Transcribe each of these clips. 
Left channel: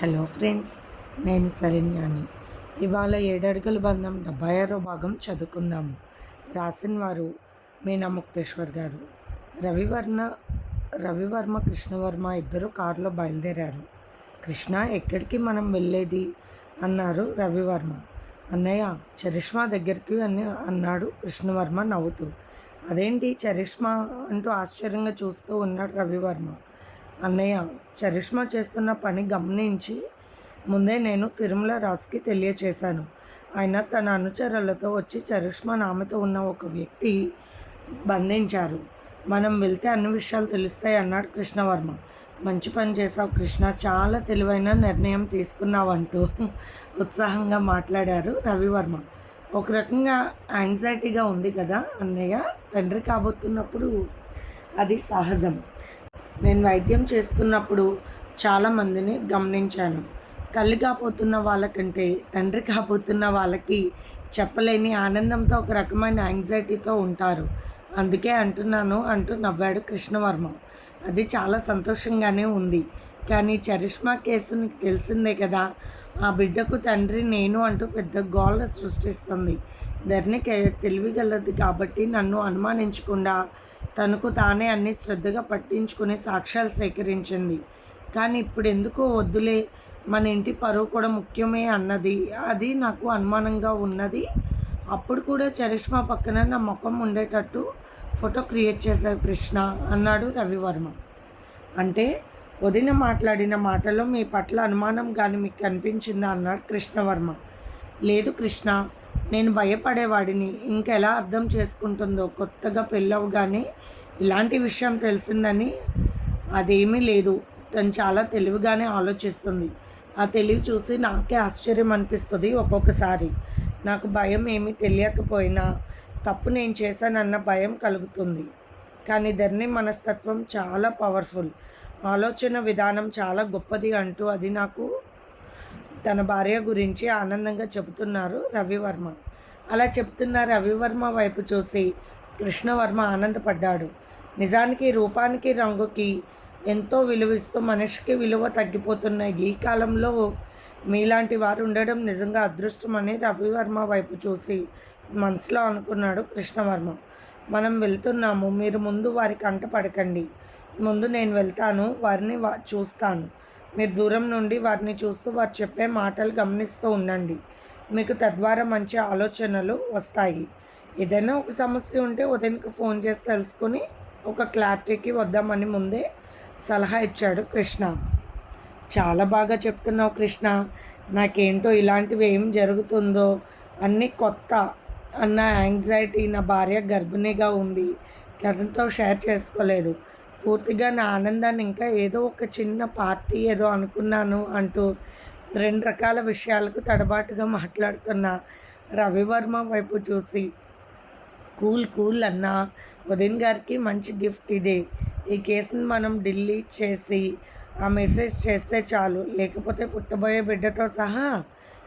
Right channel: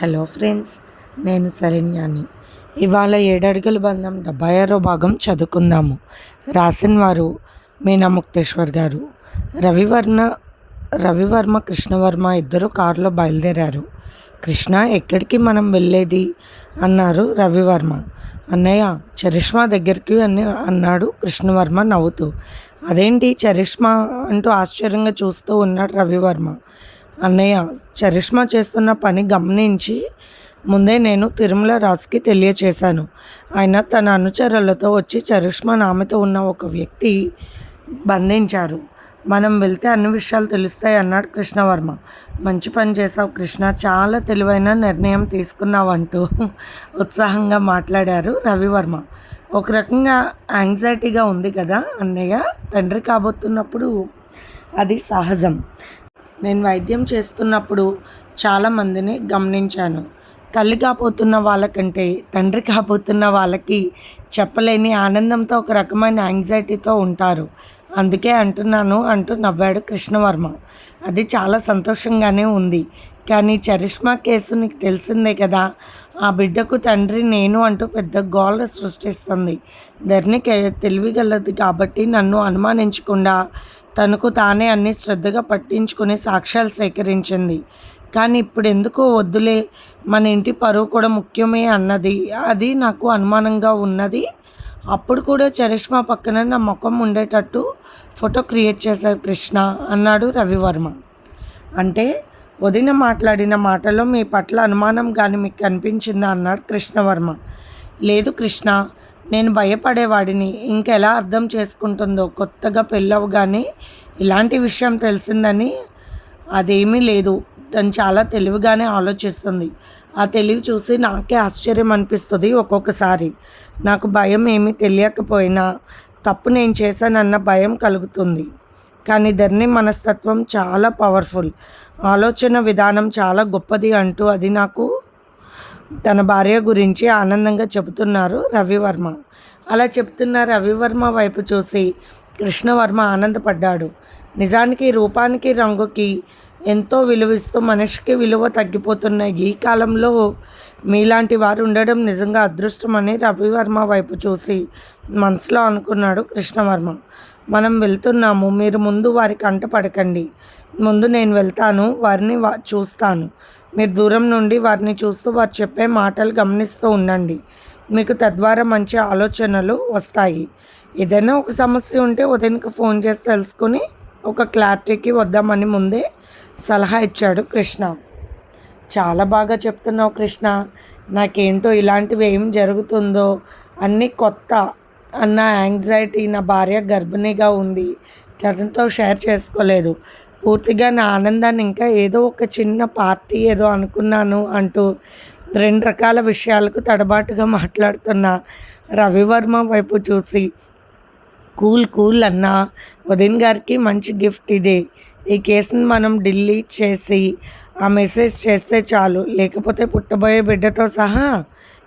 Hello friends నేను శరణ్యాని. ఇవాళ ఏడడుగుల బంధం డెబ్బై ఆరో భాగం చదువుకుందాము. రాసిన వారు మీనా ముక్తేశ్వర్ గారు. రవివర్మ రవివర్మ కృష్ణవర్మ ఇద్దరు కారులో బయలుదేరారు. కృష్ణ ఎక్కడికి మనం వెళ్ళేది? అన్నారు రవివర్మ. అన్నయ్య చరిష్మా దగ్గరికి అని అన్నాడు కృష్ణవర్మ నవ్వుతూ. అదేంటి చరిష్మా అంటూ ఆశ్చర్యంగా చూస్తూ ఉన్నాడు రవివర్మ. అన్నయ్య చరిష్మా చేస్తున్న పని గమనించి ముందే నేను తిరుమల రాజుకి తెలియచేశాను. ఆయన తన అనుచరులతో వచ్చి చరిష్మా నామతో ఉన్న ఒక వ్యక్తి బంధించారు. మనం వెళ్తే అన్ని విషయాలు తెలుస్తాయి అన్నాడు కృష్ణవర్మ. మంచి పని చేసావు కృష్ణ చాలా తెలివైన నిర్ణయం తీసుకున్నావు అంటూ ఉత్సాహంగా మాట్లాడారు రవివర్మ. ఒక రకంగా యాంగ్జైటీగా ఉంది కదా అన్నయ్య తండ్రి కాబోతున్నప్పుడు అది సహజం. నేను వైద్యం చేస్తున్నప్పుడు చాలామందిని గమనించాను. తల్లి కాబోతున్న వాళ్ళకంటే తండ్రి కాబోతున్న వాళ్ళకి చెప్పలేని ఆనందంతో ఒక రకమైన యాంగ్జైటీతో ఉంటారు. అందుకే అంటున్నాను అంటూ నవ్వాడు కృష్ణవర్మ. అది చాలా సంతోషంగానే ఉంది. కానీ చరిష్మా కేసు నీకు తెలిసిందే కదా. ఆ బిడ్డకు తండ్రి నేను అంటూ పెద్ద గోళ్ళ సృష్టిస్తుంది. ధరణి తెలివిగలది కాబట్టి నన్ను అనుమానించకుండా తనకు తానే అన్ని శ్రద్ధగా పట్టించుకుని సాక్ష్యాలు సేకరించింది. కానీ ఇప్పుడు ఎందుకో వద్దులే మన ఇంటి పరువు కూడా ముఖ్యమే అన్నది. అది నాకు అనుమానంగా ఉన్నది. అప్పుడు కూడా చరిష్మా పక్కన నా ముఖం ఉండేటట్టు ఫోటో క్రియేట్ చేశారు కృష్ణ అన్నాడు రవివర్మ. అంటే వదిన మాట్లాడిన మాటలో మీ పట్ల అనుమానం కానీ మీకు కనిపించిందా? అన్నాడు కృష్ణవర్మ. లేదు కృష్ణ నేను భయపడేవాడిని. ఇంకెలా అర్థం చేసుకుంటుందో? కొత్తగా పెళ్ళవగానే ఇలాంటి విషయం తెలిసిందని అదేమీ లేదు. తను చాలా తెలివిగానే ఆలోచిస్తుంది. ఆ తెలివి చూసి నాకే ఆశ్చర్యం అనిపిస్తుంది ఒక్కొక్కసారి. నాకు భయం ఏమీ తెలియకపోయినా తప్పు నేను చేశానన్న భయం కలుగుతుంది. కానీ ధర్ని మనస్తత్వం చాలా పవర్ఫుల్. ఆలోచన విధానం చాలా గొప్పది అంటూ అది నాకు తన భార్య గురించి ఆనందంగా చెబుతున్నారు రవివర్మ. అలా చెప్తున్న రవివర్మ వైపు చూసి కృష్ణవర్మ ఆనందపడ్డాడు. నిజానికి రూపానికి రంగుకి ఎంతో విలువిస్తూ మనిషికి విలువ తగ్గిపోతున్న ఈ కాలంలో మీలాంటి వారు ఉండడం నిజంగా అదృష్టమని రవివర్మ వైపు చూసి మనసులో అనుకున్నాడు కృష్ణవర్మ. మనం వెళ్తున్నాము మీరు ముందు వారి కంట పడకండి. ముందు నేను వెళ్తాను వారిని వా చూస్తాను. మీరు దూరం నుండి వారిని చూస్తూ వారు చెప్పే మాటలు గమనిస్తూ ఉండండి. మీకు తద్వారా మంచి ఆలోచనలు వస్తాయి. ఏదైనా ఒక సమస్య ఉంటే ఉదయానికి ఫోన్ చేసి తెలుసుకొని ఒక క్లారిటీకి వద్దామని ముందే సలహా ఇచ్చాడు కృష్ణ. చాలా బాగా చెప్తున్నావు కృష్ణ. నాకేంటో ఇలాంటివి ఏం జరుగుతుందో అన్నీ కొత్త అన్న యాంగ్జైటీ నా భార్య గర్భిణిగా ఉంది. తనతో షేర్ చేసుకోలేదు. పూర్తిగా నా ఆనందాన్ని ఇంకా ఏదో ఒక చిన్న పార్టీ ఏదో అనుకున్నాను అంటూ రెండు రకాల విషయాలకు తడబాటుగా మాట్లాడుతున్న రవివర్మ వైపు చూసి కూల్ కూల్ అన్న ఉదయన్ గారికి మంచి గిఫ్ట్ ఇదే. ఈ కేసుని మనం డిలీట్ చేసి ఆ మెసేజ్ చేస్తే చాలు. లేకపోతే పుట్టబోయే బిడ్డతో సహా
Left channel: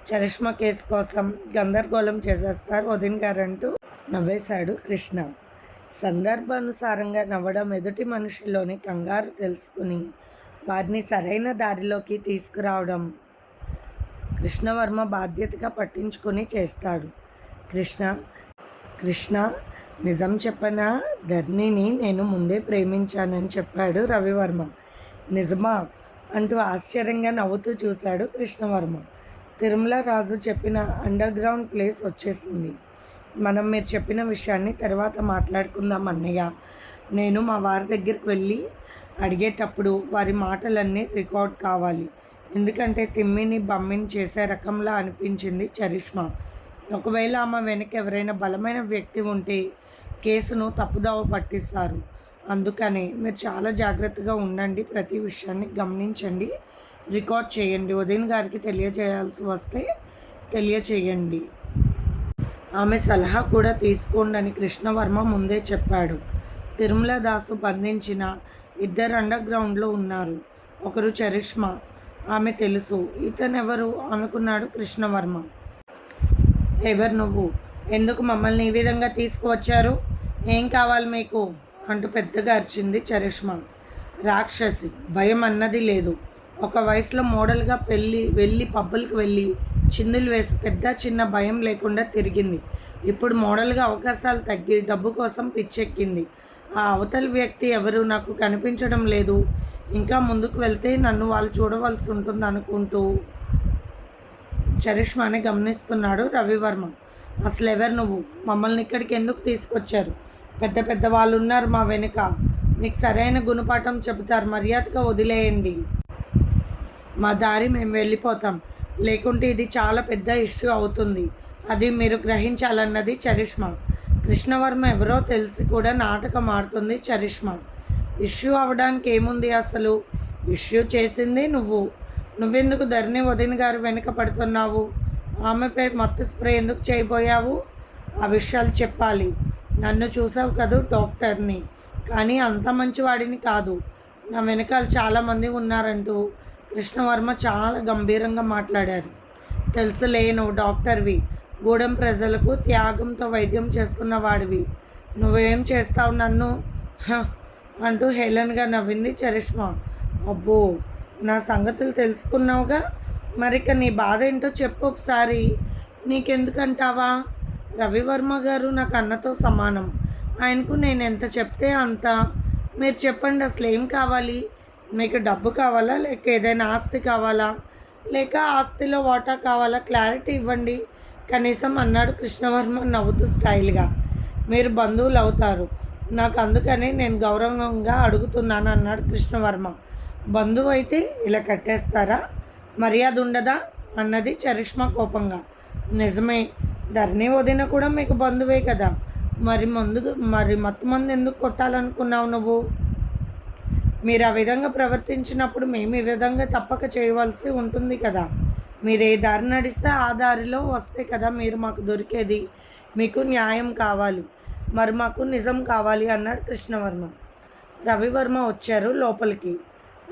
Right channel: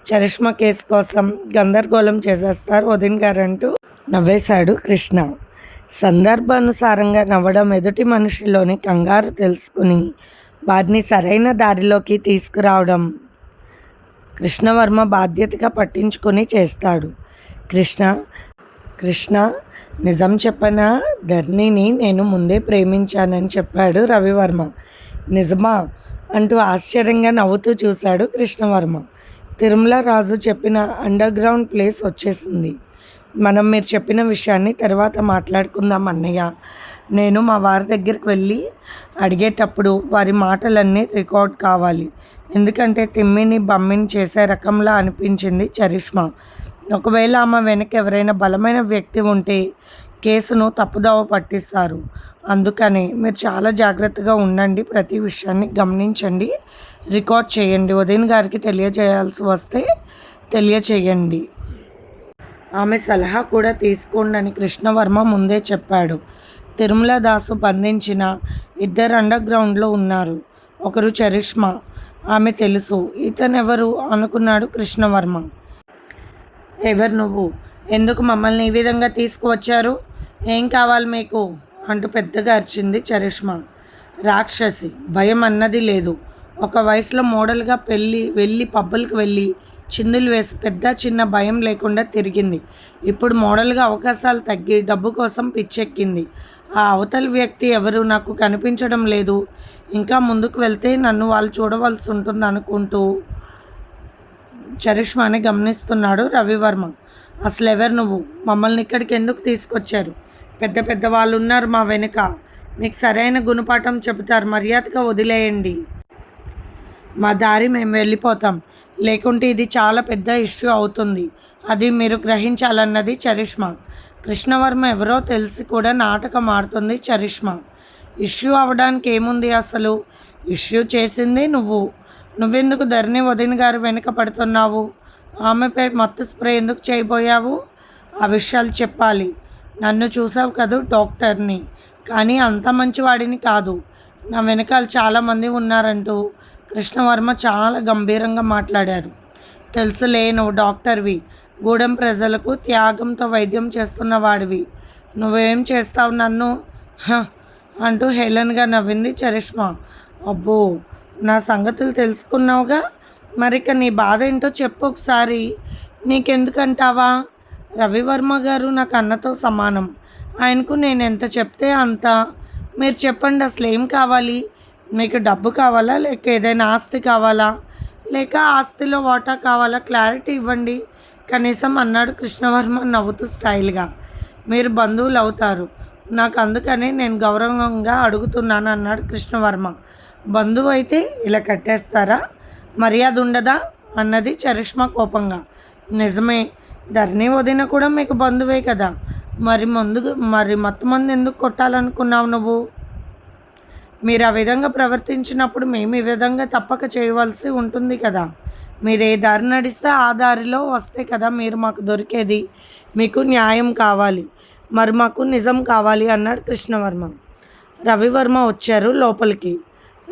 చరిష్మా కేసు కోసం గందరగోళం చేసేస్తారు ఉదయన్ గారు అంటూ నవ్వేశాడు కృష్ణ. సందర్భానుసారంగా నవ్వడం ఎదుటి మనిషిలోని కంగారు తెలుసుకుని వారిని సరైన దారిలోకి తీసుకురావడం కృష్ణవర్మ బాధ్యతగా పట్టించుకొని చేస్తాడు. కృష్ణ కృష్ణ నిజం చెప్పన? ధర్నిని నేను ముందే ప్రేమించానని చెప్పాడు రవివర్మ. నిజమా? అంటూ ఆశ్చర్యంగా నవ్వుతూ చూశాడు కృష్ణవర్మ. తిరుమల రాజు చెప్పిన అండర్ గ్రౌండ్ ప్లేస్ వచ్చేసింది. మనం మీరు చెప్పిన విషయాన్ని తర్వాత మాట్లాడుకుందాం అన్నయ్య. నేను మా వారి దగ్గరికి వెళ్ళి అడిగేటప్పుడు వారి మాటలన్నీ రికార్డ్ కావాలి. ఎందుకంటే తిమ్మిని బమ్మిని చేసే రకంలా అనిపించింది చరిష్మా. ఒకవేళ ఆమె వెనక ఎవరైనా బలమైన వ్యక్తి ఉంటే కేసును తప్పుదోవ పట్టిస్తారు. అందుకని మీరు చాలా జాగ్రత్తగా ఉండండి. ప్రతి విషయాన్ని గమనించండి. రికార్డ్ చేయండి. ఉదయన్ గారికి తెలియజేయాల్సి వస్తే తెలియచేయండి. ఆమె సలహా కూడా తీసుకోండని కృష్ణవర్మ ముందే చెప్పాడు. తిరుమల దాసు బంధించిన ఇద్దరు అండర్ గ్రౌండ్లో ఉన్నారు. ఒకరు చరిష్మా ఆమె తెలుసు. ఇతనెవరు? అనుకున్నాడు కృష్ణవర్మ. ఎవరు నువ్వు? ఎందుకు మమ్మల్ని ఈ విధంగా తీసుకువచ్చారు? ఏం కావాలి మీకు? అంటూ పెద్దగా అరిచింది చరిష్మా. రాక్షసి భయం అన్నది లేదు. ఒక వయసులో మోడల్గా పెళ్ళి వెళ్ళి పబ్బులకు వెళ్ళి చిందులు వేసి పెద్ద చిన్న భయం లేకుండా తిరిగింది. ఇప్పుడు మోడల్గా అవకాశాలు తగ్గి డబ్బు కోసం పిచ్చెక్కింది. ఆ అవతలి వ్యక్తి ఎవరు? నాకు కనిపించడం లేదు. ఇంకా ముందుకు వెళ్తే నన్ను వాళ్ళు చూడవలసి ఉంటుంది అనుకుంటూ చరిష్మాని గమనిస్తున్నాడు రవివర్మ. అసలు ఎవరు నువ్వు? మమ్మల్ని ఇక్కడికి ఎందుకు తీసుకొచ్చారు? పెద్ద పెద్ద వాళ్ళు ఉన్నారు మా వెనుక. మీకు సరైన గుణపాఠం చెబుతారు. మర్యాదగా వదిలేయండి. మా దారి మేము వెళ్ళిపోతాం. లేకుంటే ఇది చాలా పెద్ద ఇష్యూ అవుతుంది. అది మీరు గ్రహించాలన్నది చరిష్మా. కృష్ణవర్మ ఎవరో తెలిసి కూడా నాటకం ఆడుతుంది చరిష్మా. ఇష్యూ అవ్వడానికి ఏముంది అసలు? ఇష్యూ చేసింది నువ్వు. నువ్వెందుకు ధరణి వదిన గారు వెనుక పడుతున్నావు? ఆమెపై మత్తు స్ప్రే ఎందుకు చేయబోయావు? ఆ విషయాలు చెప్పాలి. నన్ను చూసావు కదూ డాక్టర్ని. కానీ అంత మంచివాడిని కాదు. నా వెనకాల చాలామంది ఉన్నారంటూ కృష్ణవర్మ చాలా గంభీరంగా మాట్లాడారు. తెలుసులే నువ్వు డాక్టర్వి. గూడెం ప్రజలకు త్యాగంతో వైద్యం చేస్తున్న వాడివి. నువ్వేం చేస్తావు నన్ను? హ! అంటూ హేళన్గా నవ్వింది చరిష్మా. అబ్బో! నా సంగతులు తెలుసుకున్నావుగా? మరిక నీ బాధ ఏంటో చెప్పు ఒకసారి. నీకెందుకంటావా? రవివర్మ గారు నాకు అన్నతో సమానం. ఆయనకు నేను ఎంత చెప్తే అంత. మీరు చెప్పండి అసలు ఏం కావాలి? మీకు డబ్బు కావాలా? లేక ఏదైనా ఆస్తి కావాలా? లేక ఆస్తిలో వాటా కావాలా? క్లారిటీ ఇవ్వండి. కనీసం అన్నాడు కృష్ణవర్మ నవ్వుతూ స్టైల్గా. మీరు బంధువులు అవుతారు. నాకు అందుకని నేను గౌరవంగా అడుగుతున్నాను అన్నాడు కృష్ణవర్మ. బంధువు అయితే ఇలా కట్టేస్తారా? మర్యాద ఉండదా? అన్నది చరిష్మా కోపంగా. నిజమే. ధరణి వదిన కూడా మీకు బంధువే కదా. మరి ముందు మరి మొత్తం మంది ఎందుకు కొట్టాలనుకున్నావు నువ్వు? మీరు ఆ విధంగా ప్రవర్తించినప్పుడు మేము ఈ విధంగా తప్పక చేయవలసి ఉంటుంది కదా. మీరు ఏ దారి నడిస్తే ఆ దారిలో వస్తే కదా మీరు మాకు దొరికేది. మీకు న్యాయం కావాలి. మరి మాకు నిజం కావాలి అన్నాడు కృష్ణవర్మ. రవివర్మ వచ్చారు లోపలికి.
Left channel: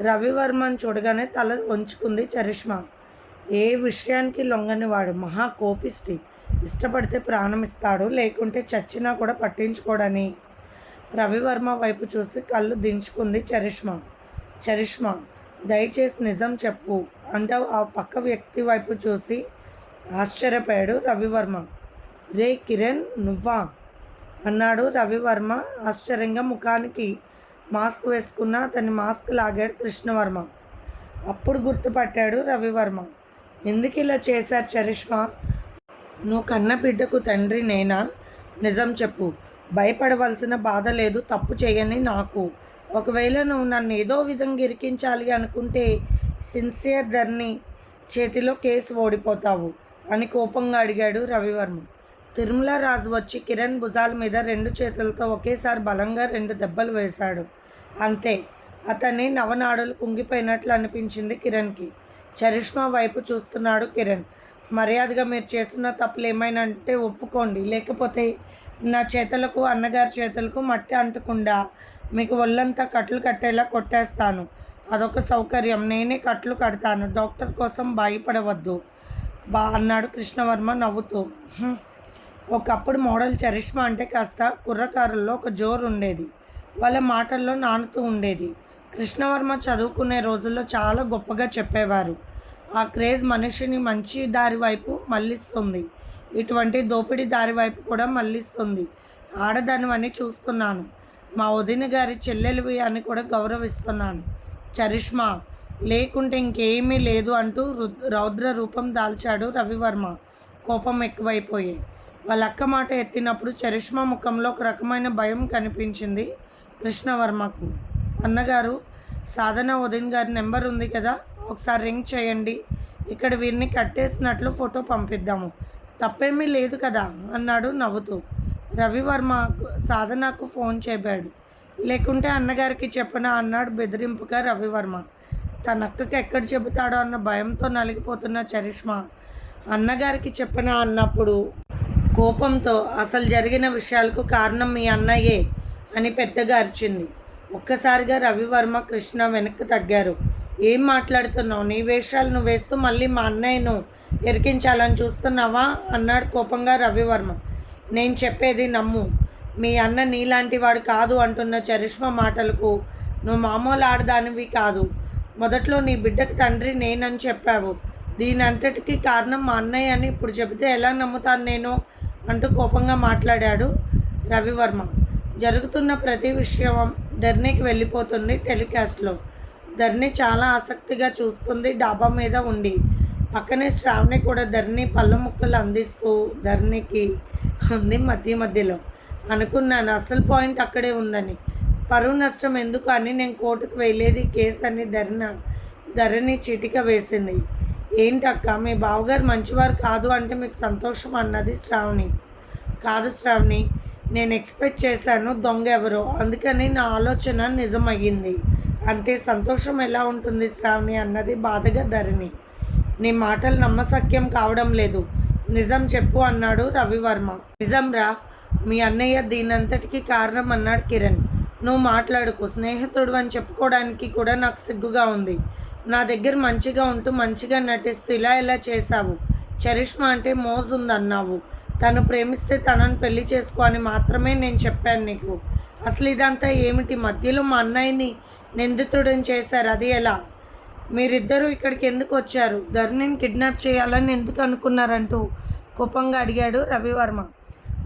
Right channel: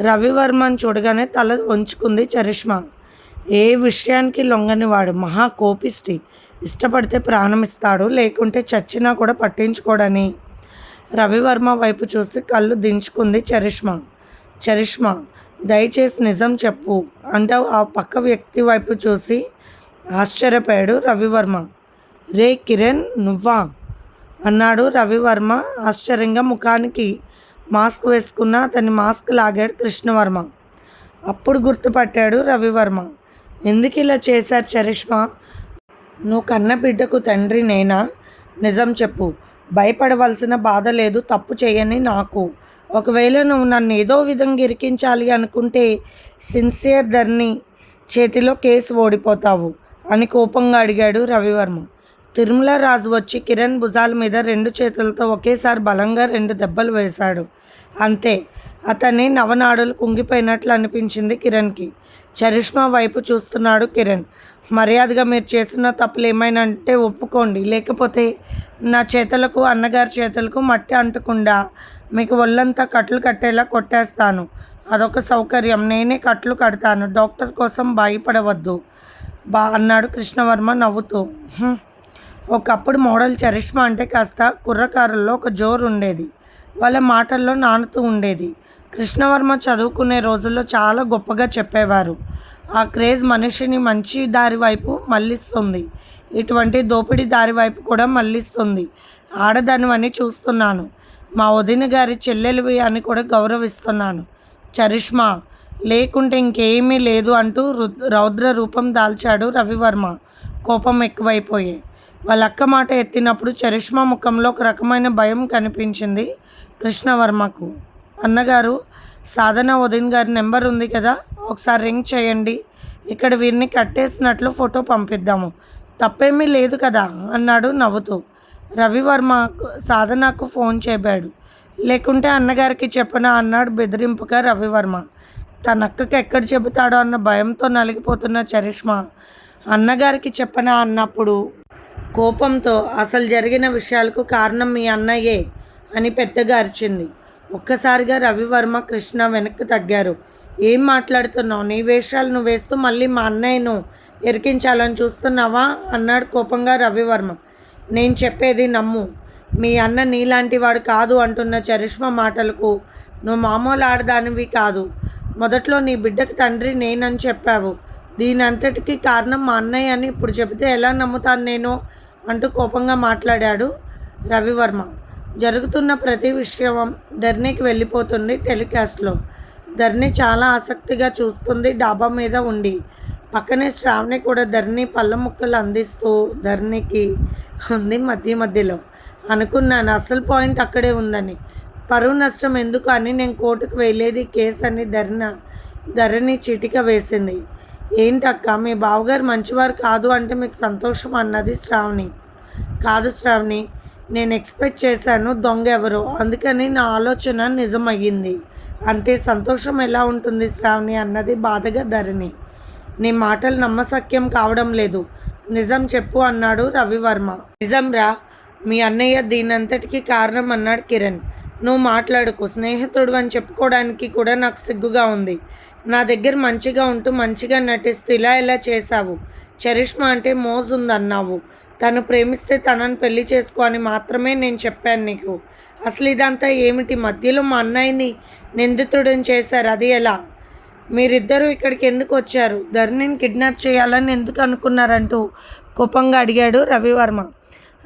రవివర్మని చూడగానే తల వంచుకుంది చరిష్మా. ఏ విషయానికి లొంగని వాడు మహా కోపిష్టి. ఇష్టపడితే ప్రాణమిస్తాడు లేకుంటే చచ్చినా కూడా పట్టించుకోడని. రవివర్మ వైపు చూసి కళ్ళు దించుకుంది చరిష్మా. చరిష్మా దయచేసి నిజం చెప్పు అంటే ఆ పక్క వ్యక్తి వైపు చూసి ఆశ్చర్యపోయాడు రవివర్మ. రే కిరణ్ నువ్వా? అన్నాడు రవివర్మ ఆశ్చర్యంగా ముఖానికి మాస్క్ వేసుకున్న అతని మాస్క్ లాగాడు కృష్ణవర్మ. అప్పుడు గుర్తుపట్టాడు రవివర్మ. ఎందుకు ఇలా చేశారు చరిష్మా? నువ్వు కన్న బిడ్డకు తండ్రి నేనా? నిజం చెప్పు. భయపడవలసిన బాధ లేదు తప్పు చేయని నాకు. ఒకవేళ నువ్వు నన్ను ఏదో విధంగా ఇరికించాలి అనుకుంటే సిన్సియర్ ధర్ని చేతిలో కేసు ఓడిపోతావు అని కోపంగా అడిగాడు రవివర్మ. తిరుమల రాజు వచ్చి కిరణ్ భుజాల మీద రెండు చేతులతో ఒకేసారి బలంగా రెండు దెబ్బలు వేశాడు. అంతే అతన్ని నవనాడులు కుంగిపోయినట్లు అనిపించింది కిరణ్కి. చరిష్మా వైపు చూస్తున్నాడు కిరణ్. మర్యాదగా మీరు చేసిన తప్పులు ఏమైనా అంటే ఒప్పుకోండి. లేకపోతే నా చేతులకు అన్నగారి చేతులకు మట్టి అంటకుండా మీకు ఒళ్ళంతా కట్లు కట్టేలా కొట్టేస్తాను. అదొక సౌకర్యం. నేనే కట్లు కడతాను. డాక్టర్ కోసం భయపడవద్దు. బా అన్నాడు కృష్ణవర్మ నవ్వుతూ. ఒకప్పుడు మోడల్ చరిష్మా అంటే కాస్త కుర్రకారుల్లో ఒక జోరు ఉండేది వాళ్ళ మాటల్లో నానుతూ ఉండేది. కృష్ణవర్మ చదువుకునే రోజుల్లో చాలా గొప్పగా చెప్పేవారు. ఆ క్రేజ్ మనిషిని మంచి దారి వైపు మళ్ళిస్తుంది. ఇటువంటి దోపిడీ దారి వైపు కూడా మళ్ళిస్తుంది. ఆడదానివని చూస్తున్నాను. మా వదిన గారి చెల్లెలివి అని కూడా గౌరవిస్తున్నాను. చరిష్మా లేకుంటే ఇంకేమీ లేదు అంటూ రు- రౌద్ర రూపం దాల్చాడు రవివర్మ. కోపం ఎక్కువైపోయే. వాళ్ళ అక్క మాట ఎత్తినప్పుడు చరిష్మా ముఖంలో ఒక రకమైన భయం కనిపించింది కృష్ణవర్మకు. అన్నగారు సాధన ఉదయన్ గారి నెంబర్ ఉంది కదా ఒకసారి రింగ్ చేయండి. ఇక్కడ వీరిని కట్టేసినట్లు ఫోటో పంపిద్దాము. తప్పేమీ లేదు కదా అన్నాడు నవ్వుతూ. రవివర్మ సాధనకు ఫోన్ చేపాడు లేకుంటే అన్నగారికి చెప్పనా అన్నాడు బెదిరింపుగా రవివర్మ. తన అక్కకి ఎక్కడ చెబుతాడో అన్న భయంతో నలిగిపోతున్న చరిష్మా. అన్నగారికి చెప్పనా అన్నప్పుడు కోపంతో అసలు జరిగిన విషయాలకు కారణం మీ అన్నయ్యే అని పెద్దగా అరిచింది. ఒక్కసారిగా రవివర్మ కృష్ణ వెనక్కి తగ్గారు. ఏం మాట్లాడుతున్నావు? నీ వేషాలు నువ్వు వేస్తూ మళ్ళీ మా అన్నయ్యను ఎరికించాలని చూస్తున్నావా? అన్నాడు కోపంగా రవివర్మ. నేను చెప్పేది నమ్ము. మీ అన్న నీలాంటి వాడు కాదు అంటున్న చరిష్మ మాటలకు నువ్వు మామూలు ఆడదానివి కాదు. మొదట్లో నీ బిడ్డకి తండ్రి నేనని చెప్పావు. దీని అంతటికీ కారణం మా అన్నయ్య అని ఇప్పుడు చెబితే ఎలా నమ్ముతాను నేను? అంటూ కోపంగా మాట్లాడాడు రవివర్మ. జరుగుతున్న ప్రతి విషయం ధర్నీకి వెళ్ళిపోతుంది టెలికాస్ట్లో. ధర్ని చాలా ఆసక్తిగా చూస్తుంది డాబా మీద ఉండి. పక్కనే శ్రావణి కూడా ధర్ని పళ్ళ ముక్కలు అందిస్తూ ధర్నికి ఉంది మధ్య మధ్యలో. అనుకున్నాను అసలు పాయింట్ అక్కడే ఉందని. పరువు నష్టం ఎందుకు అని నేను కోర్టుకు వెళ్ళేది కేసు అని ధర్న ధరని చిటిక వేసింది. ఏంటక్క మీ బావగారు మంచివారు కాదు అంటే మీకు సంతోషం అన్నది శ్రావణి. కాదు శ్రావణి నేను ఎక్స్పెక్ట్ చేశాను దొంగ ఎవరు. అందుకని నా ఆలోచన నిజమయ్యింది. అంతే సంతోషం ఎలా ఉంటుంది శ్రావణి అన్నది బాధగా ధరణి. నీ మాటలు నమ్మసక్యం కావడం లేదు. నిజం చెప్పు అన్నాడు రవివర్మ. నిజం రా మీ అన్నయ్య దీనంతటికీ కారణం అన్నాడు కిరణ్. నువ్వు మాట్లాడుకో స్నేహితుడు అని చెప్పుకోవడానికి కూడా నాకు సిగ్గుగా ఉంది. నా దగ్గర మంచిగా ఉంటూ మంచిగా నటిస్తూ ఇలా ఇలా చేశావు. చరిష్మా అంటే మోజుందన్నావు. తను ప్రేమిస్తే తనని పెళ్ళి చేసుకో అని మాత్రమే నేను చెప్పాను నీకు. అసలు ఇదంతా ఏమిటి? మధ్యలో మా అన్నయ్యని నిందితుడిని చేశారు. అది ఎలా? మీరిద్దరూ ఇక్కడికి ఎందుకు వచ్చారు? ధరణిని కిడ్నాప్ చేయాలని ఎందుకు అనుకున్నారంటూ కోపంగా అడిగాడు రవివర్మ.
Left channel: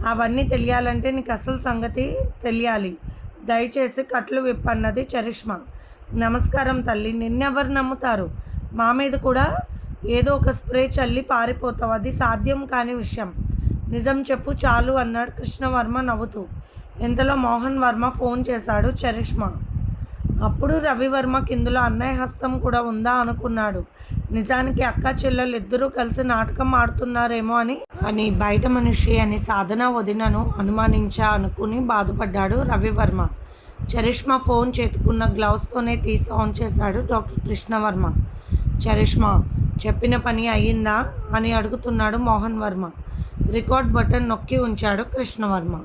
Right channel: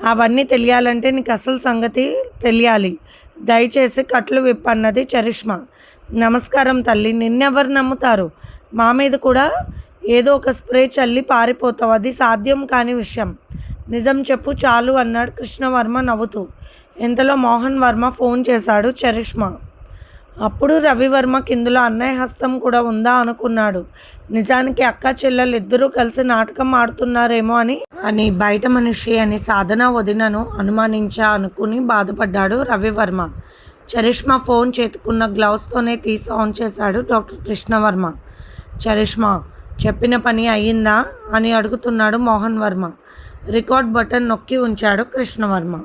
అవన్నీ తెలియాలంటే నీకు అసలు సంగతి తెలియాలి. దయచేసి కట్లు విప్పన్నది చరిష్మా. నమస్కారం తల్లి. నిన్నెవరు నమ్ముతారు? మా మీద కూడా ఏదో ఒక స్ప్రే చల్లి పారిపోతావు. అది సాధ్యం కాని విషయం. నిజం చెప్పు చాలు అన్నాడు కృష్ణవర్మ నవ్వుతూ. ఇంతలో మోహన్ వర్మ ఫోన్ చేశాడు చరిష్మా. అప్పుడు రవివర్మ కిందులో అన్నయ్య హస్తం కూడా ఉందా అనుకున్నాడు. నిజానికి అక్క చెల్లెలు ఇద్దరూ కలిసి నాటకం ఆడుతున్నారేమో అని అని బయట మనిషి అని సాధన వదినను అనుమానించా అనుకుని బాధపడ్డాడు రవివర్మ. చరిష్మా ఫోన్ చేతుకున్న గ్లౌస్తోనే తీసి ఆన్ చేశాడు డాక్టర్ కృష్ణవర్మ. చరిష్మా చెప్పిన పని అయ్యిందా అని అడుగుతున్నాడు మోహన్ వర్మ. రికార్డ్ బటన్ నొక్కి ఉంచాడు కృష్ణవర్మ.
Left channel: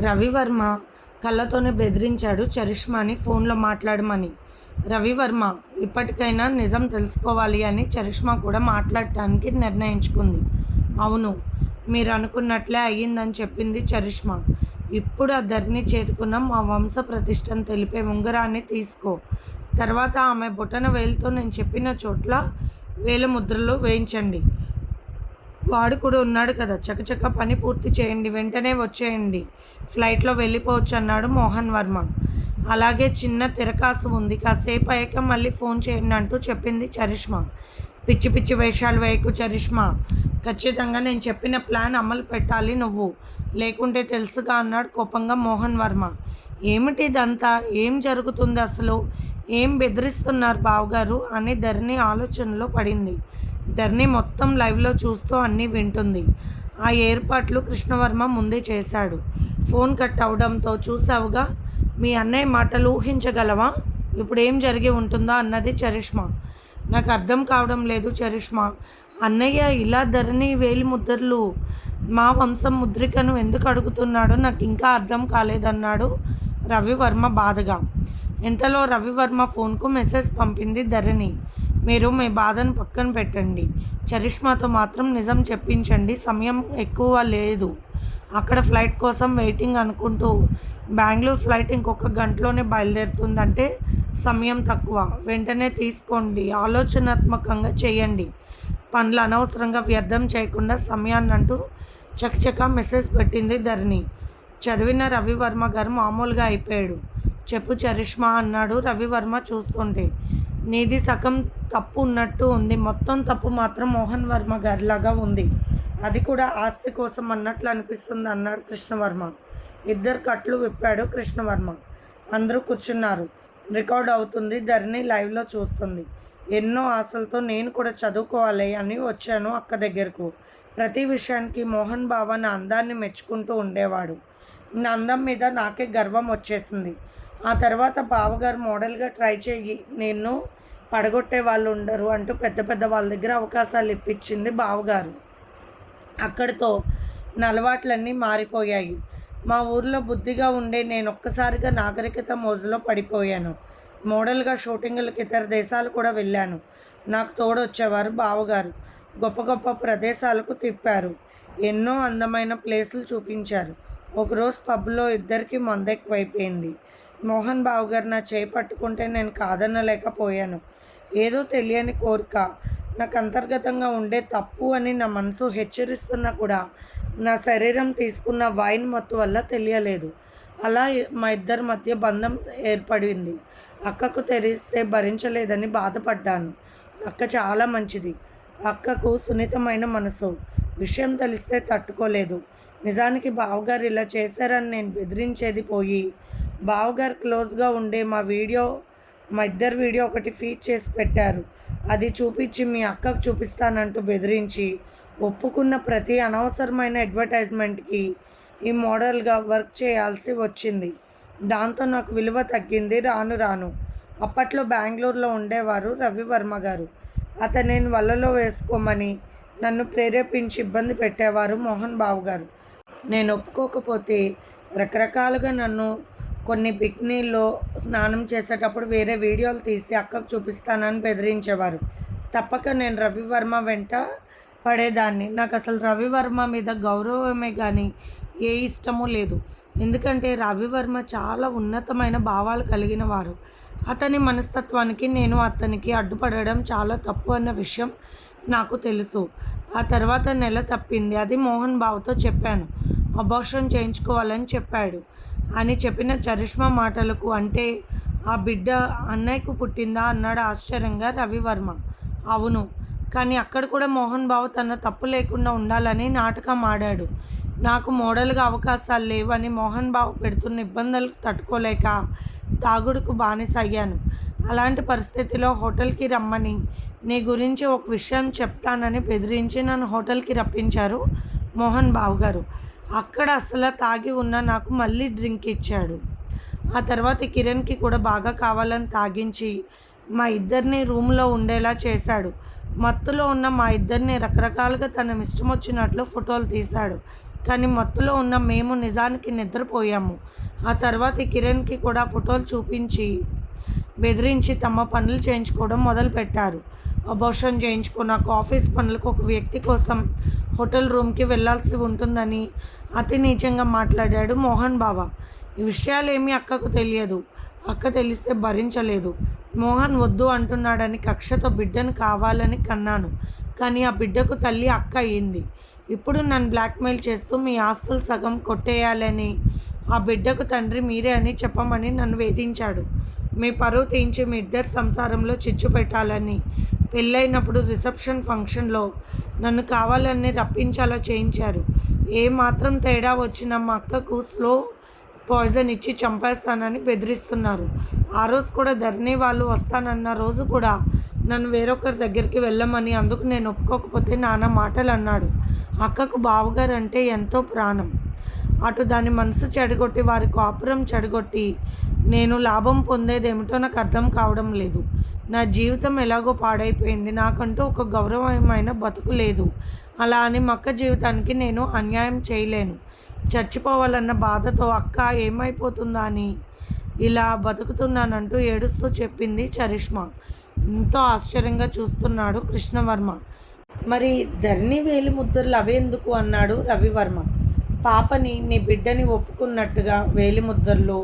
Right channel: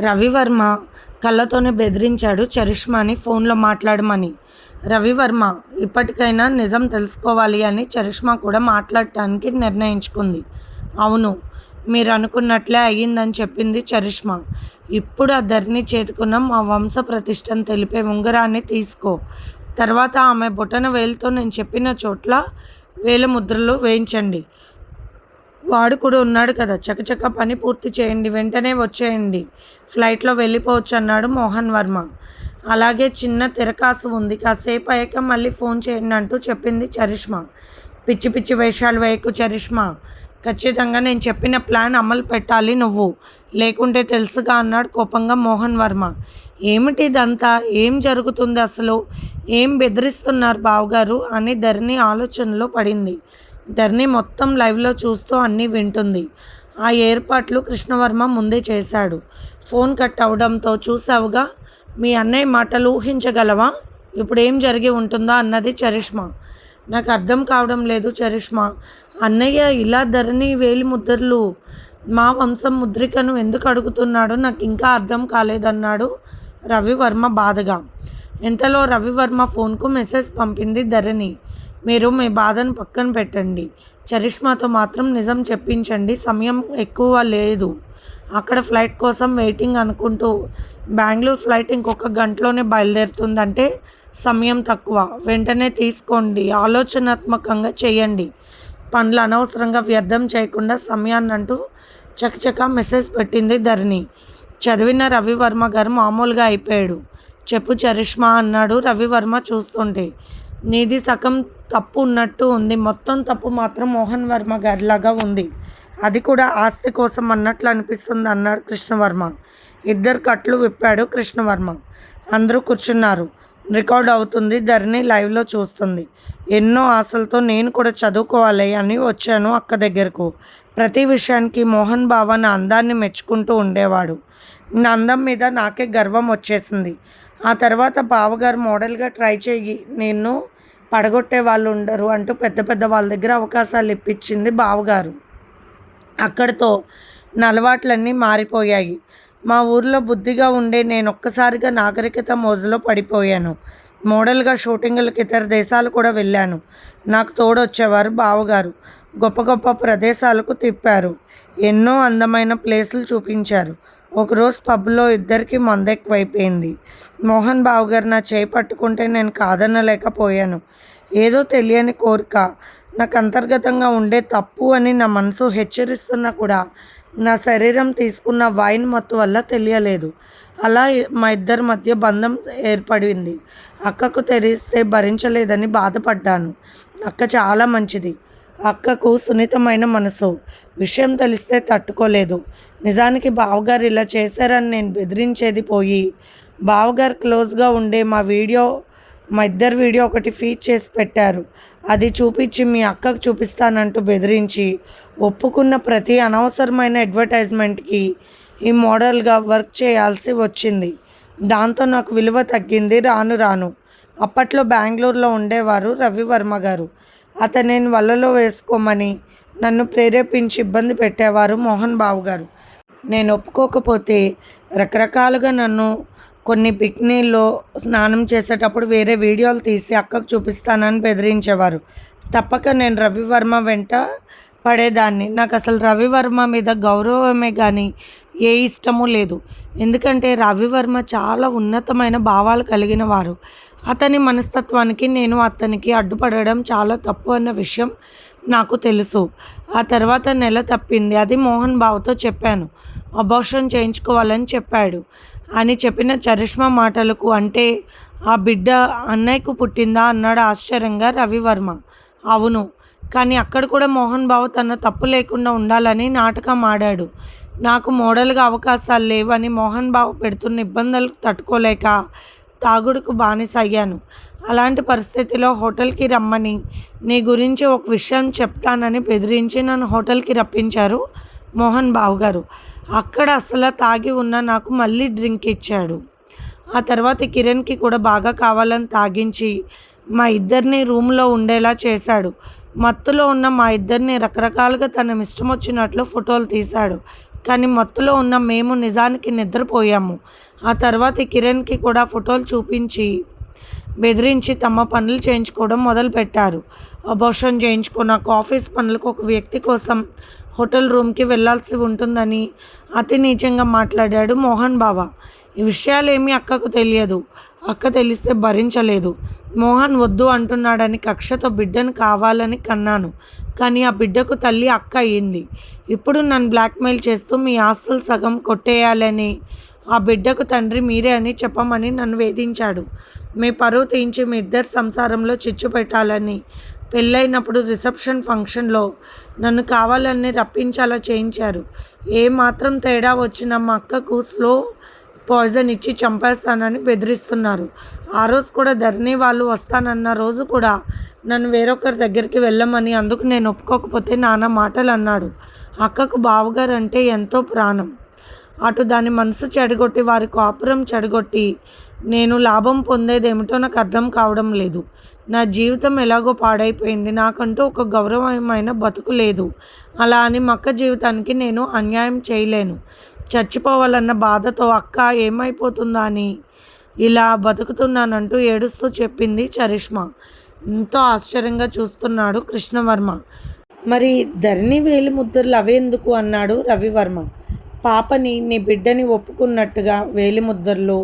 రవివర్మ కళ్ళతోనే బెదిరించాడు చరిష్మాని ఫోన్లో మాట్లాడమని. రవివర్మ ఇప్పటికైనా నిజం తెలుసుకోవాలి అని చరిష్మా కూడా మాట్లాడటానికి నిర్ణయించుకుంది. అవును మీరు అనుకున్నట్లే అయ్యిందని చెప్పింది చరిష్మా. ఇప్పుడు ఆ ధర్ని చేతుకున్న మా వంశ ప్రతిష్టను తెలిపే ఉంగరాన్ని తీసుకో. తర్వాత ఆమె బొటన వేలుతో నేను చెప్పిన చోట్ల వేల ముద్రలు వేయించండి. వాడు కూడా ఉన్నాడు కదా. చకచక పని పూర్తి చేయండి. వెంటనే వచ్చేయండి. ఫ్లైట్లో వెళ్ళిపోవచ్చు అన్నాడు మోహన్ వర్మ. అలాగే చిన్న తిరకాసు ఉంది. కాసేపు అయ్యాక మళ్ళీ ఫోన్ చేయండి అంటూ చెప్పింది చరిష్మా. పిచ్చి పిచ్చి వేషాలు వేయకు చరిష్మా. ఖచ్చితంగా నేను చెప్పిన ప్లాన్ అమలు పెట్టాలి నువ్వు. లేకుంటే తెలుసుగా అన్నాడు కోపంగా మోహన్ వర్మ. ఏమిటి ఇదంతా? ఏం జరుగుతుంది అసలు? ఏం బెదిరిస్తున్నారు బావగారు? అని ధరణి ఆలోచనలో పడింది. ధరణి మొత్తం లైవ్లో చూస్తూ అన్నీ వింటుంది. ఆ ఏర్పాట్లు కృష్ణవర్మ ముందే చేశాడు. ఫోన్ కట్ అవడంతో చూసావుగా? మీ అన్నయ్య మాటలు ఊహించగలవా? ఇప్పుడు ఏం జరిగి ఉంటుందో అన్నది చరిష్మా. నాకు అర్థం కావడం లేదు చరిష్మా. అన్నయ్య ఇలా ధరణి వేలి ముద్రలు మా వంశం ముద్రికను ఎందుకు అడుగుతున్నాడో నాకు ఇంకా అర్థం కాలేదన్నాడు రవివర్మ బాధగా. ఇంతలో రవివర్మ ఫోన్కు మెసేజ్ పంపింది ధరణి. మీరు మీ బాధను పక్కన పెట్టండి. చరిష్మాతో మాత్రం నిజం చెప్పించండి. సమయం ఎక్కువ లేదు. అక్కడ ఫ్లైట్ కోసం వెయిటింగ్ అనుకుంటూ బెంగళూరు ఫ్లైట్ ఇంకొక గంటలోనే బయలుదేరుతుందంటే సమయం తక్కువ. వెంటనే తీసుకోండి. ఆలోచనాత్మకంగా చేయండి. పనులు అనవసరంగా వ్యర్థం చేయకుండా సమయాన్ని అంటూ చకచక మెసేజ్ పెట్టింది ధరణి. చదివిన రవివర్మ గారు మామూలుగా అయిపోయాడు. చెప్పు చరిష్మా అన్నాడు రవివర్మ చూస్తుంటే. నీది సగం తప్పు ఉన్నట్టు ఉంది. మొత్తం తప్పు మాత్రం మోహన్ వర్మ గారిలాగా ఉంది. అది కూడా ఆస్తి కోసం అన్నట్లు అనిపిస్తుంది అన్నాడు కృష్ణవర్మ. ఇద్దరు కట్లు విప్పాడు కృష్ణవర్మ. అందరూ కూర్చున్నారు. రికార్డ్ అవుతుంది. ధరణి లైవ్లో చూస్తుంది. ఎన్నో ఆశలతో నేను కూడా చదువుకోవాలి అని వచ్చాను అక్క దగ్గరకు. ప్రతి విషయానికి మోహన్ బావ నా అందాన్ని మెచ్చుకుంటూ ఉండేవాడు. నా అందం మీద నాకే గర్వం వచ్చేసింది. ఆ తర్వాత బావగారు మోడల్గా ట్రై చేయి నేను పడగొట్టే వాళ్ళు ఉండరు అంటూ పెద్ద పెద్ద వాళ్ళ దగ్గర అవకాశాలు ఇప్పించింది బావగారు. అక్కడితో నలవాట్లన్నీ మారిపోయాయి. మా ఊర్లో బుద్ధిగా ఉండే నేను ఒక్కసారిగా నాగరికత మోజులో పడిపోయాను. మోడల్గా షూటింగులకు ఇతర దేశాలు కూడా వెళ్ళాను. నాకు తోడొచ్చేవారు బావగారు. గొప్ప గొప్ప ప్రదేశాలకు తిప్పారు. ఎన్నో అందమైన ప్లేసులు చూపించారు. ఒకరోజు పబ్లో ఇద్దరికి మందెక్కువైపోయింది. మోహన్ బాబు గారు నా చేయి పట్టుకుంటే నేను కాదనలేకపోయాను. ఏదో తెలియని కోరిక. నాకు అంతర్గతంగా ఉండే తప్పు అని నా మనసు హెచ్చరిస్తున్నా కూడా నా శరీరం తీసుకున్న వైన్ మత్తు వల్ల తెలియలేదు. అలా మా ఇద్దరి మధ్య బంధం ఏర్పడింది. అక్కకు తెరిస్తే భరించలేదని బాధపడ్డాను. అక్క చాలా మంచిది. అక్కకు సున్నితమైన మనసు. విషయం తెలిస్తే తట్టుకోలేదు. నిజానికి బావగారు ఇలా చేశారని నేను బెదిరించేది పోయి బావగారు క్లోజ్గా ఉండే మా వీడియో మా ఇద్దరు వీడియో ఒకటి ఫీడ్ చేసి పెట్టారు. అది చూపించి మీ అక్కకు చూపిస్తానంటూ బెదిరించి ఒప్పుకున్న ప్రతి అనవసరమైన అడ్వర్టైజ్మెంట్కి ఈ మోడల్గా వర్క్ చేయాల్సి వచ్చింది. దాంతో నాకు విలువ తగ్గింది రాను రాను. అప్పట్లో బెంగళూరులో ఉండేవారు రవివర్మ గారు. అతనిని వలలో వేసుకోమని నన్ను ప్రేరేపించి ఇబ్బంది పెట్టేవారు మోహన్ బాబు గారు నేను ఒప్పుకోకపోతే రకరకాలుగా నన్ను కొన్ని బిక్నీల్లో స్నానం చేసేటప్పుడు వేరే వీడియోలు తీసి అక్కకు చూపిస్తానని బెదిరించేవారు. తప్పక నేను రవివర్మ వెంట పడేదాన్ని. నాకు అసలు రవివర్మ మీద గౌరవమే కానీ ఏ ఇష్టము లేదు. ఎందుకంటే రవివర్మ చాలా ఉన్నతమైన భావాలు కలిగిన వారు. అతని మనస్తత్వానికి నేను అతనికి అడ్డుపడడం చాలా తప్పు అన్న విషయం నాకు తెలుసు. ఆ తర్వాత నెల తప్పింది. అది మోహన్ బాబుతో చెప్పాను. అబార్షన్ చేయించుకోవాలని చెప్పాడు. అని చెప్పిన చరిష్మా మాటలకు అంటే ఆ బిడ్డ అన్నయ్యకు పుట్టిందా అన్నాడు ఆశ్చర్యంగా రవివర్మ. అవును. కానీ అక్కడ కూడా మోహన్ బాబు తన తప్పు లేకుండా ఉండాలని నాటకం ఆడాడు. నాకు మోడల్గా అవకాశాలు లేవని మోహన్ బాబు పెడుతున్న ఇబ్బందులు తట్టుకోలేక తాగుడుకు బానిస అయ్యాను అలాంటి పరిస్థితిలో హోటల్కి రమ్మని నీ గురించి ఒక విషయం చెప్తానని బెదిరించి నన్ను హోటల్కి రప్పించారు మోహన్ బాబు గారు. అక్కడ అసలు తాగి ఉన్న నాకు మళ్ళీ డ్రింక్ ఇచ్చాడు. ఆ తర్వాత కిరణ్కి కూడా బాగా కావాలని తాగించి మా ఇద్దరిని రూమ్లో ఉండేలా చేశాడు. మత్తులో ఉన్న మా ఇద్దరిని రకరకాలుగా తన ఇష్టం వచ్చినట్లు ఫోటోలు తీశాడు. కానీ మత్తులో ఉన్న మేము నిజానికి నిద్రపోయాము. ఆ తర్వాత కిరణ్కి కూడా ఫోటోలు చూపించి బెదిరించి తమ పనులు చేయించుకోవడం మొదలుపెట్టారు. అబోషన్ చేయించుకున్నాక ఆఫీస్ పనులకు ఒక వ్యక్తి కోసం హోటల్ రూమ్కి వెళ్ళాల్సి ఉంటుందని అతి నీచంగా మాట్లాడాడు మోహన్ బాబా ఈ విషయాలేమీ అక్కకు తెలియదు. అక్క తెలిస్తే భరించలేదు. మోహన్ వద్దు అంటున్నాడని కక్షతో బిడ్డను కావాలని కన్నాను. కానీ ఆ బిడ్డకు తల్లి అక్క అయ్యింది. ఇప్పుడు నన్ను బ్లాక్మెయిల్ చేస్తూ మీ ఆస్తులు సగం కొట్టేయాలని ఆ బిడ్డకు తండ్రి మీరే అని చెప్పమని నన్ను వేధించాడు. మీ పరువు తీయించి మీ ఇద్దరు సంసారంలో చిచ్చు పెట్టాలని పెళ్ళైనప్పుడు రిసెప్షన్ ఫంక్షన్లో నన్ను కావాలని రప్పించాలా చేయించారు. ఏ మాత్రం తేడా వచ్చినా మా అక్కకు స్లో పాయిజన్ ఇచ్చి చంపేస్తానని బెదిరిస్తున్నారు. ఆ రోజు కూడా ధరణి వాళ్ళు వస్తానన్న రోజు కూడా నన్ను వేరొకరి దగ్గరికి వెళ్ళమని అందుకు నేను ఒప్పుకోకపోతే నాన్న మాటలు అన్నాడు అక్కకు బావగారు అంటే ఎంతో ప్రాణం. అటు దాని మనసు చెడగొట్టి వారి కాపురం చెడగొట్టి నేను లాభం పొందేదేమిటో నాకు అర్థం కావడం లేదు. నా జీవితం ఎలాగో పాడైపోయింది. నాకంటూ ఒక గౌరవమైన బతుకు లేదు. అలా అని మక్క జీవితానికి నేను అన్యాయం చేయలేను. చచ్చిపోవాలన్న బాధతో అక్క ఏమైపోతుందా అని ఇలా బతుకుతున్నానంటూ ఏడుస్తూ చెప్పింది చరిష్మా. ఎంతో ఆశ్చర్యంగా చూస్తున్నాడు కృష్ణవర్మ. మరి ధరణి వేలి ముద్రలు అవేందుకు అన్నాడు రవివర్మ. పాపని నీ బిడ్డని ఒప్పుకున్నట్టుగా వేలిముద్రలు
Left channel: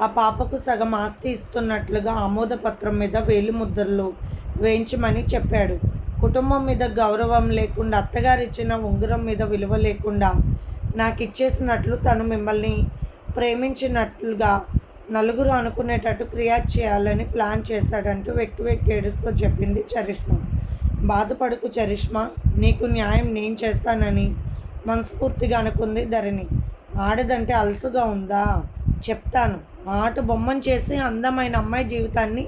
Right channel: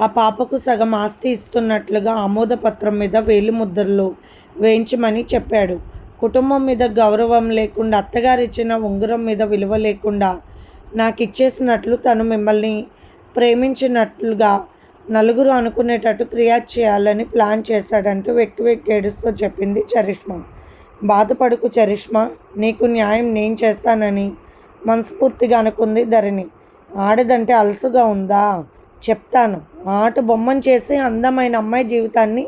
ఆ పాపకు సగం ఆస్తి ఇస్తున్నట్లుగా ఆమోదపత్రం మీద వేలిముద్రలు వేయించమని చెప్పాడు. కుటుంబం మీద గౌరవం లేకుండా అత్తగారు ఇచ్చిన ఉంగరం మీద విలువ లేకుండా నాకు ఇచ్చేసినట్లు తను మిమ్మల్ని ప్రేమించినట్లుగా నలుగురు అనుకునేటట్టు క్రియేట్ చేయాలని ప్లాన్ చేశాడంటూ వెక్కి వెక్కి ఏడుస్తూ చెప్పింది చరిష్మా. బాధపడుకు చరిష్మా నీకు న్యాయం నేను చేస్తానని మనస్ఫూర్తిగా అనుకుంది ధరణి. ఆడదంటే అలసుగా ఉందా? చెప్తాను. ఆట బొమ్మను చేసి అందమైన అమ్మాయి జీవితాన్ని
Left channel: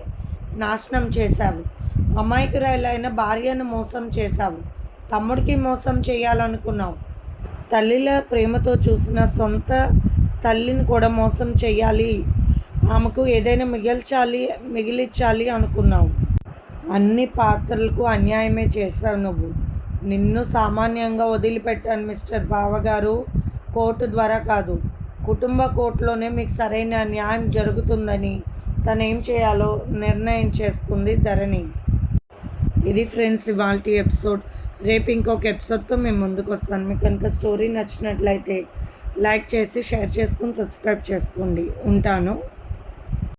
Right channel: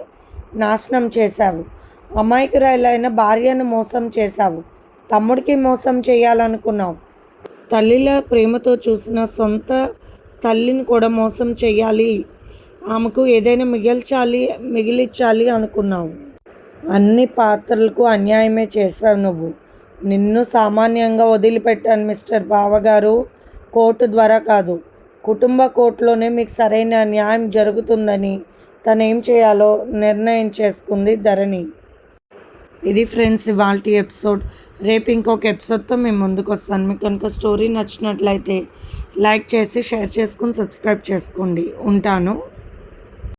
నాశనం చేశావు. అమాయకురాలైన భార్యను మోసం చేశావు. తమ్ముడికి మోసం చేయాలనుకున్నావు. తల్లిల ప్రేమతో చూసిన సొంత తల్లిని కూడా మోసం చేయాలి. ఆమెకు ఏదైనా మిగిల్చాలి మిగిలించాలి అనుకున్నావు. అన్ని పాత్రలకు అన్యాయమే చేశావు నువ్వు. నిన్ను సామాన్యంగా వదిలిపెట్టాను మిస్టర్ బావగారు. కోర్టు ద్వారా కాదు. కుటుంబ కోర్టులోనే మీకు సరైన న్యాయం జరుగుతుందని తను ఏం చేయాలో నిర్ణయం చేసుకుంది ధరణి. ఇది ఫ్రెండ్స్ ఇవాళ ఎపిసోడ్ రేపు ఇంకొక ఎపిసోడ్తో మేము ముందుకు వస్తాను మీకు కనుక స్టోరీ నచ్చినట్లయితే లైక్ చేసి షేర్ చేసుకుని సబ్స్క్రైబ్ చేసుకోండి. ఉంటాను.